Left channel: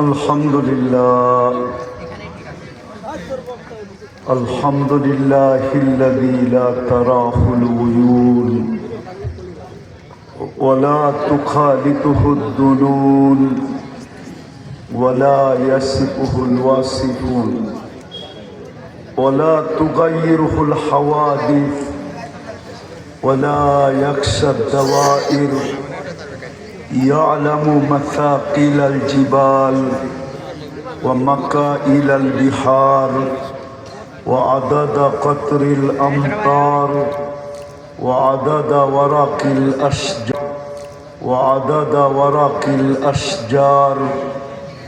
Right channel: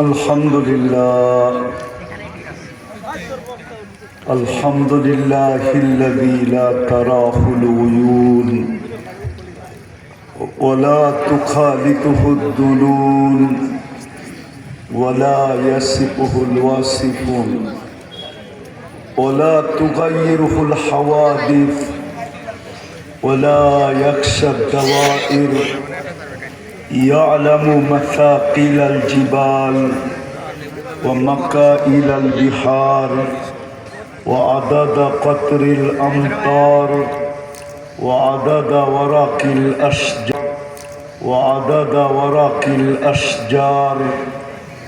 الحمد لله الحمد لله الذي لا تراه العيون ولا تخالطه الظنون ولا يصفه الواصفون ولا تغيره الحوادث ولا يخشى الدوائر يعلم مثاقيل الجبال ومكائل البحار وعدد قطر الأمطار وعدد ورق الأشجار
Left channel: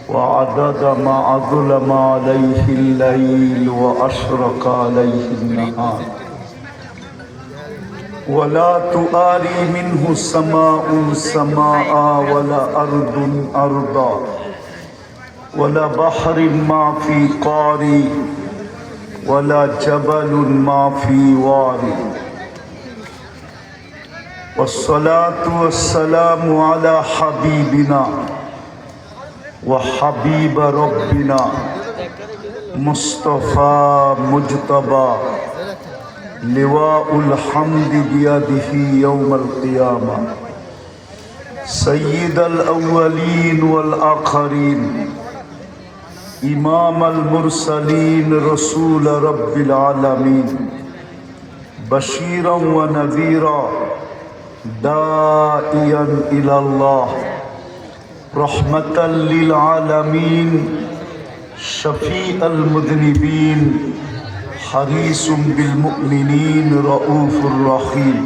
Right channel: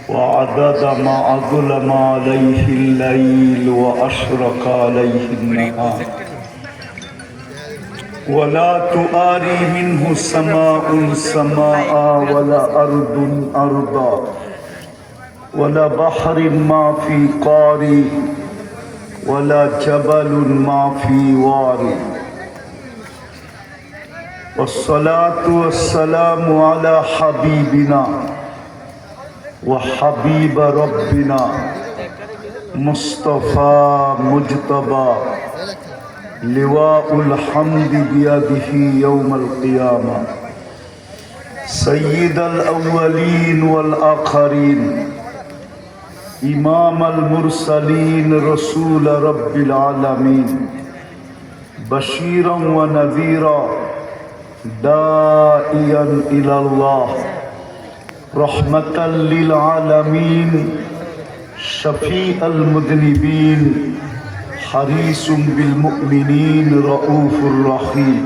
وعدد ما أظلم عليه الليل وأشرق عليه النهار ولا تؤاري منه سماء سماء ولا أرض أرضا ولا بحر ما في قاري ولا جبل ما في واري والصلاة والسلام على حبيبنا وحبيب ربنا مصطفى مجتبى لواء الحمد بيده يوم القيامة سيد الأولين والآخرين إمام المرسلين رسول رب العالمين بشيرا ونذيرا داعيا إلى الله رحمة للعالمين شفيع المذنبين حريص بالمؤمنين رؤوف رحيم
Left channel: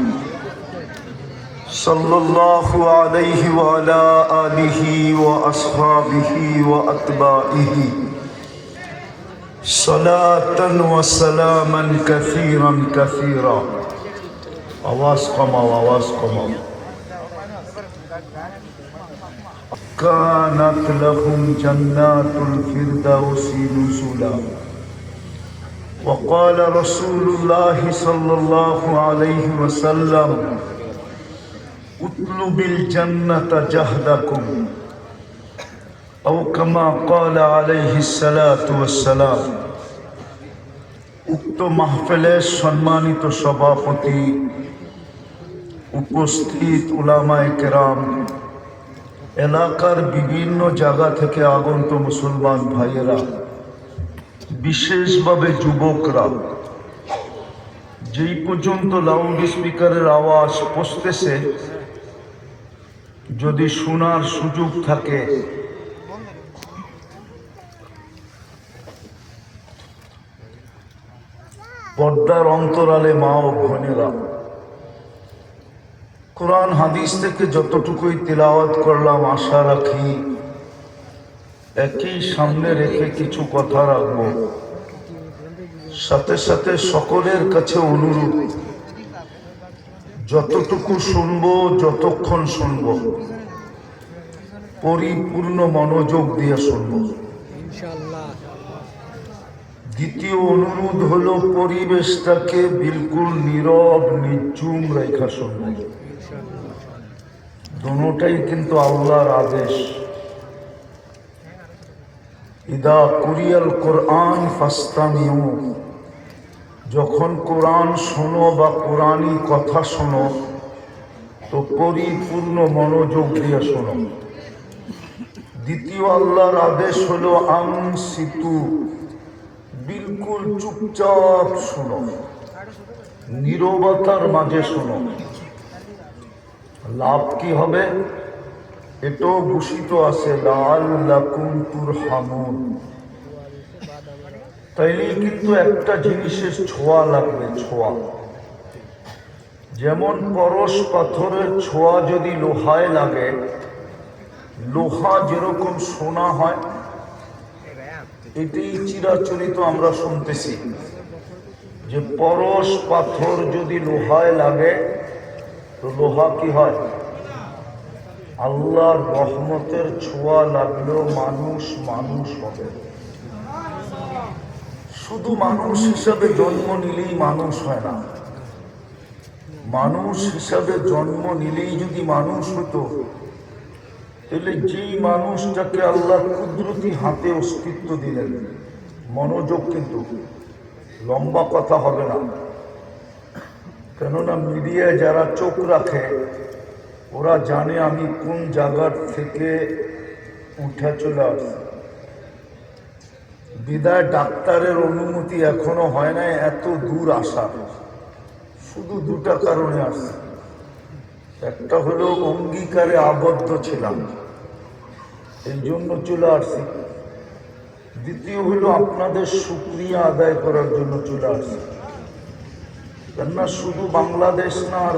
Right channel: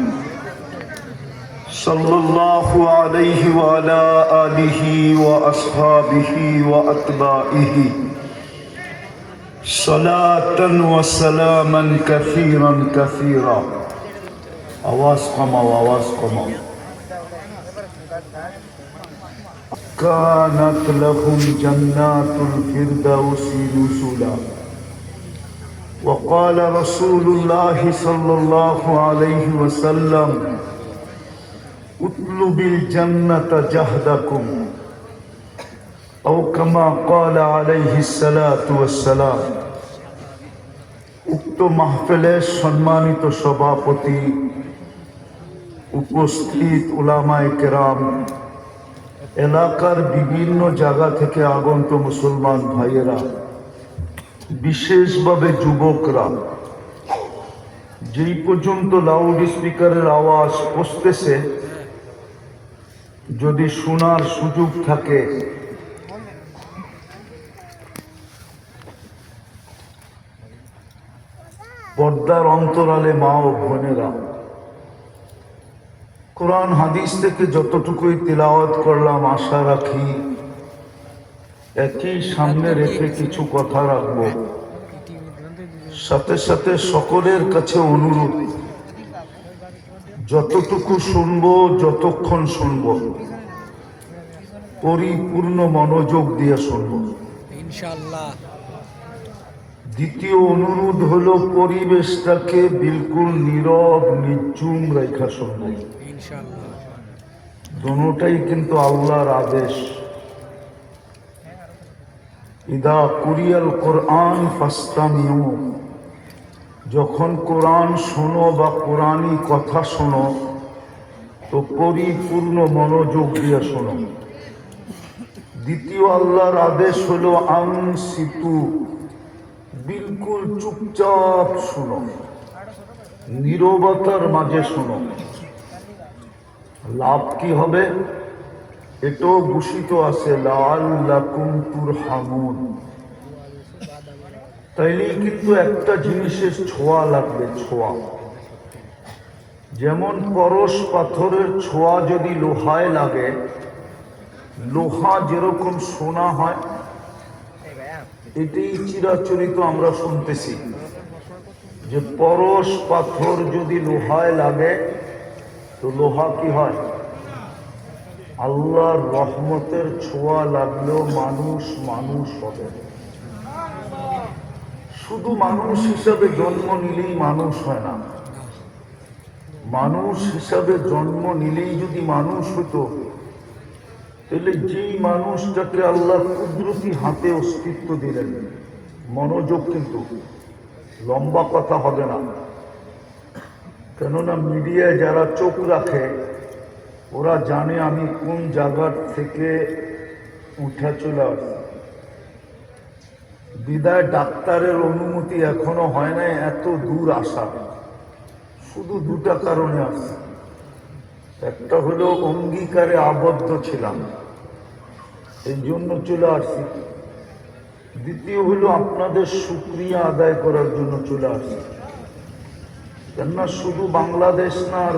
صلى الله عليه وعلى آله وأصحابه وأتباعه صلاة وسلاما كثيرا كثيرا آواز قما كانت لهم جنات الفردوس نزلا وقال رسول الله صلى الله عليه وسلم اطلب الجنة جهدكم أو كما قال عليه الصلاة والسلام উক্ত মাহফিলের সম্মানিত সভাপতি উপস্থিত উলামায়ে কেরাম এলাকার বিভিন্ন জায়গা থেকে আগত মুসলমান ভাইয়েরা বিশেষভাবে যুবকরা যেই পর্যন্ত লাউড স্পিকারের আওয়াজ পৌঁছতেছে যদি শোনার সুযোগ থাকে পর্দার অন্তরালে মা ও বোনেরা কোরআন হাদিস থেকে যতটুকুই তিলাওয়াত করলাম আশা রাখি একই সামনে রেখে কিছু কথা রাখব সাথে সাথে সকলের কাছে অনুরোধ যতটুকু শুনবো যতক্ষণ শুনবো পরিপূর্ণ মনোযোগ দিয়ে শুনবো ইনশাআল্লাহ। দ্বিতীয় অনুরোধ হলো পরিবেশটাকে বিলকুল নীরব নিঝুম রেখা শুনবো ইনশাআল্লাহ। দুটোটাই কিন্তু আল্লাহর আদেশ। ইদা কুরিয়াল কোরআন ফাস্তামিউ, যখন কোরআন শোনো বা কোরআনী কথা শোনো তো পরিপূর্ণ মনোযোগ দিয়ে শোনো। দ্বিতীয় আল্লাহর আদেশ হলো আনসিতু, বিলকুল চুপচাপ শোনো, নীরবতার মাঝে শোনো। লাভ কি হবে? এটাও ঘোষিত আছে লাআল্লাকুম তুরহামুন। তাইলে কিন্তু একটা জিনিসের ছোঁয়া লাগবে, ছোঁয়া। যেমন পরশ পাথরের ছোঁয়া যদি লোহায় লাগে, লোহা যেরকম সোনা হয়, এটাই চিরাচরিত আমরা শুনতেছি যে পরশ পাথর যদি লোহায় লাগে তো লোহা কি হয়? আল্লাহর রহমতের ছোঁয়া লাগলেও মানুষ মানুষ হবে। শুধু মানুষ হিসাবে জন্ম নিলেই মানুষ হয় না, মানুষ হিসাবে জন্ম নিলেই যদি মানুষ হতো তাহলে যেই মানুষটাকে আল্লাহ কুদরতি হাতে অস্তিত্ব দিলেন, মনোযোগ কিন্তু লম্বা কথা হবে না, কেননা মিডিয়ায় যারা চোখ রাখে ওরা জানে আমি কোন জায়গার থেকে উঠা চলে আসছি। বিদায় ডাক্তারের অনুমতি এখনো হয় না এত দূর আসা, শুধু দুটা কারণে আসছে। একটা হলো অঙ্গীকারে আবদ্ধ ছিলাম, এই জন্য চলে আসছি। দ্বিতীয় হলো আপনাদের শুকরিয়া আদায় করার জন্য চলে আসছি। কেননা শুধু বাংলাদেশ না আর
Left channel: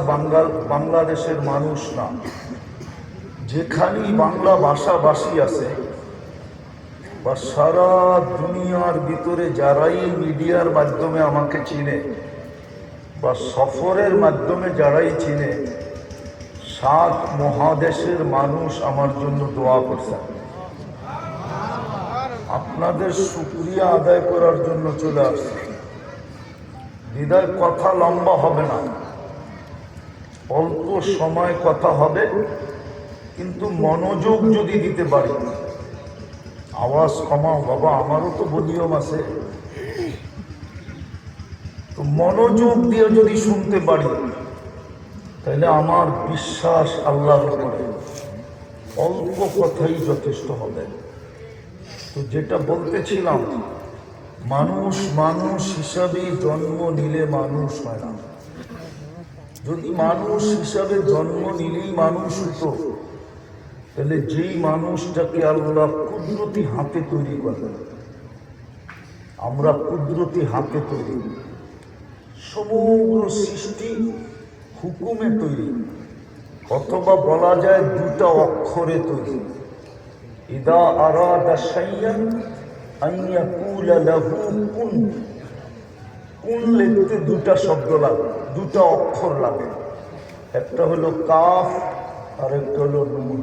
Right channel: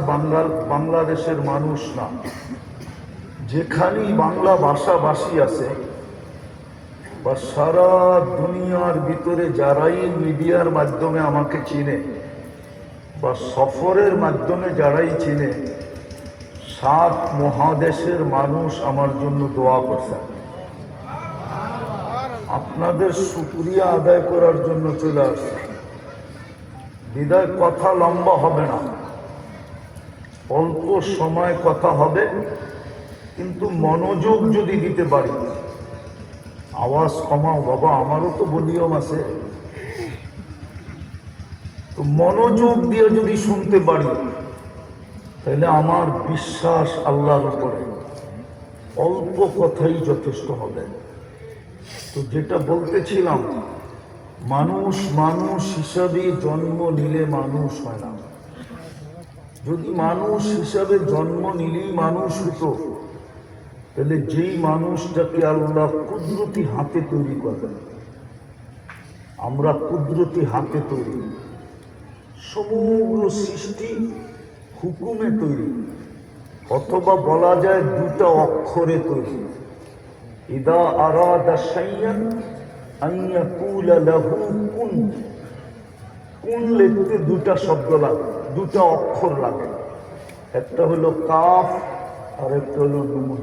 বাংলাদেশের মানুষ না, যেখানেই বাংলা ভাষাভাষী আছে বা সারা দুনিয়ার ভিতরে যারাই মিডিয়ার মাধ্যমে আমাকে চিনে বা সফরের মাধ্যমে যারাই চিনে, 7 মহাদেশের মানুষ আমার জন্য দোয়া করছে। আপনাদের শুকরিয়া আদায় করার জন্য চলে আসছে। বিদায় কথা লম্বা হবে না, অল্প সময় কথা হবে, কিন্তু মনোযোগ যদি দিতে পারি। আওয়াজ কমাও বাবা, আমারও তো ভলিউম আছে, তো মনোযোগ দিয়ে যদি শুনতে পারি তাহলে আমার বিশ্বাস আল্লাহর উপরে অল্প কথাই যথেষ্ট হবে। তো যেটা বলতেছিলাম, মানুষ মানুষ হিসাবে জন্ম নিলে মানুষ হয় না। যদি মানুষ হিসাবে জন্ম নিলেই মানুষ হতো, তাহলে যেই মানুষটাকে আল্লাহ কুদরতি হাতে তৈরি করবেন, আমরা কুদরতি হাতে তৈরি, সমগ্র সৃষ্টি হুকুমে তৈরি, অথবা বলা যায় দুটা অক্ষরে তৈরি। ইদা আরাদা শাইআন আন ইয়াকুলা লাহু কুন। কুন লিখতে দুটা শব্দ লাগে, দুটা অক্ষর লাগে, একটা হলো কাফ আর একটা হলো নুন।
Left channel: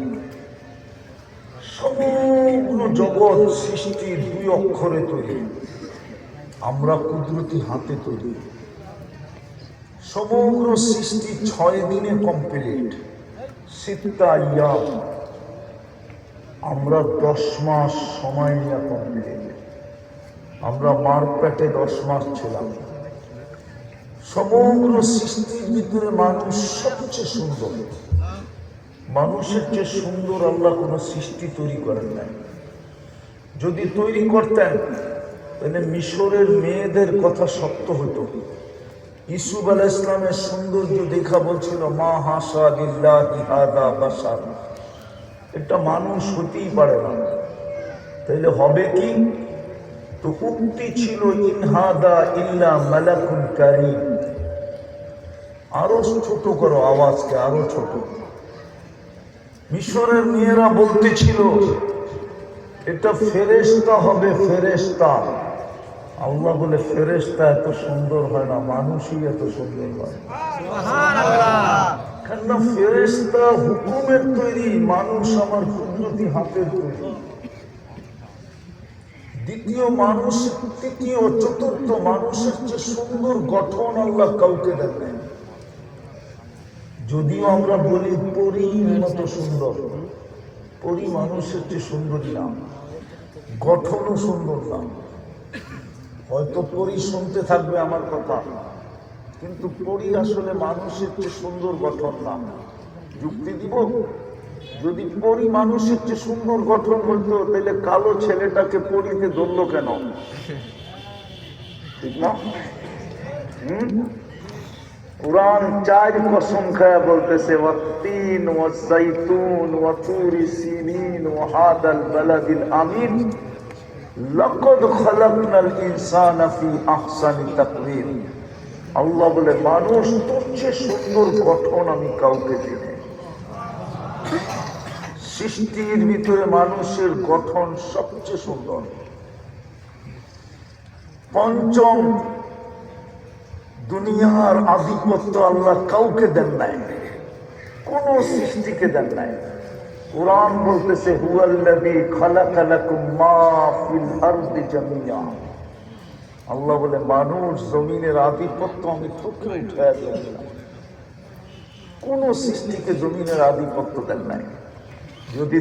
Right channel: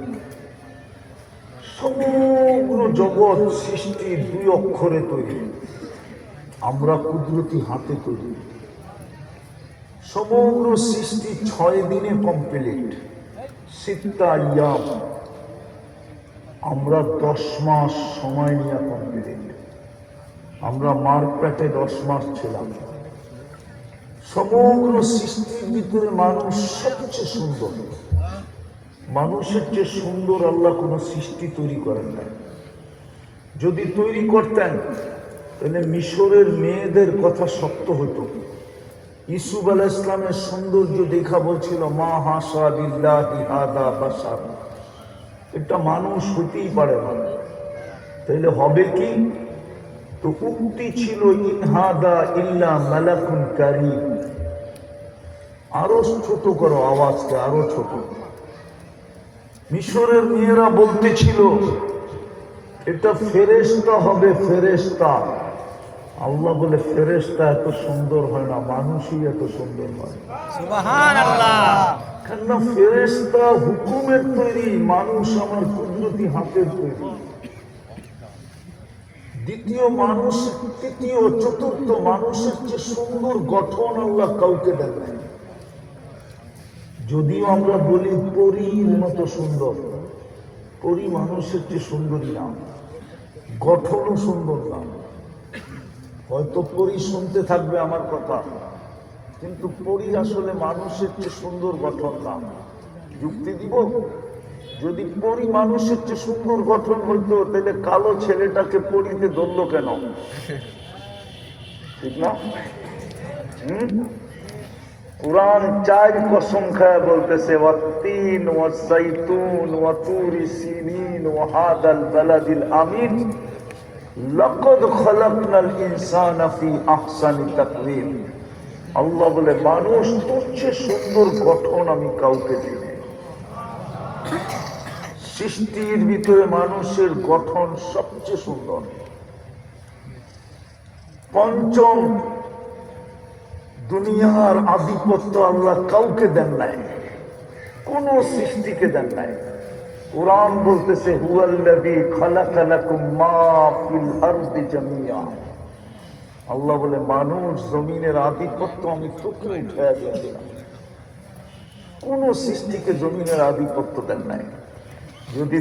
সমগ্র জগৎ সৃষ্টি 2 অক্ষরে তৈরি, আমরা কুদরতি হাতে তৈরি। সমগ্র সৃষ্টি 6 দিনে কমপ্লিট, 6 আইয়াম। আমরা 10 মাস সময় নিয়ে কমপ্লিট। আমরা মার পেটে 10 মাস ছিলাম। সমগ্র সৃষ্টির ভিতরে মানুষ সবচেয়ে সুন্দর। মানুষের চেয়ে সুন্দর আল্লাহ কোনো সৃষ্টি তৈরি করেন নাই। যদি তৈরি করতেন তাহলে মিশরের মেয়েদের কথা সত্য হতো। ইউসুফ আলাইহিস সালামের সৌন্দর্য দেখা বলছিল মা হাসা লিল্লাহি হাদা বাশার, এটা মানুষ হতেই পারে না। তাহলে হবে কি? তো উক্তি ছিল ইনহাদা ইল্লা মালাকুন কারীম। আরো ছোট করো আওয়াজকে, আরো ছোট। মিশরের মেয়েরা বলতেছিল এটা ফেরেশতা হবে, ফেরেশতা। আল্লাহ বলে ফেরেশতা এত সুন্দর হয় না, মানুষই এত সুন্দর হয়। কেন ফেরেশতা হুকুমের তৈরি, মানুষ আমার কুদরতি হাতের তৈরি। দ্বিতীয় মানুষ, তৃতীয়, চতুর্থ মানুষের যে সুন্দর গঠন আল্লাহ কাউকে দেন নাই। যদিও আমরা বলি পরীর মতো সুন্দর, পরী মানুষের চেয়ে সুন্দরী না, গঠনও সুন্দর না। হয়তো পরী শুনতে থাকবে আমার কথা, কিন্তু পরী আসলে মানুষের চেয়ে সুন্দর গঠন না। যুক্তি দিব, যদি পরী মানুষের চেয়ে সুন্দর গঠন হতো তাহলে কালো ছেলেটাকে পরীতে ধরল কেন? ঠিক না? কুরআন 4 কসম খায়া বলতেছে ওয়াত্তিন ওয়াসাইতুন ওয়াতুরি সিনিন ওয়া হাদাল বালাদিল আমিন লাকাদ খালাকনাল ইনসানা ফি আহসানি তাকওয়িম। আল্লাহ বলে মানুষ তোর চেয়ে সুন্দর গঠন আমি কাউকে দিই। সৃষ্টির ভিতরে মানুষের গঠন সবচেয়ে সুন্দর। পঞ্চম, দুনিয়ার আধিপত্য আল্লাহ কাউকে দেন নাই, কোন সৃষ্টিকে দেন নাই। কুরআন বলতেছে হুয়াল্লাযী খালাকা লাকুম মা ফিল আরদি জামিয়া। আল্লাহ বলে মানুষ জমিনের আধিপত্য আমি তোকে উঠায়া দিয়েছিলাম, কোন সৃষ্টিকে জমিনের আধিপত্য দেন নাই। যদি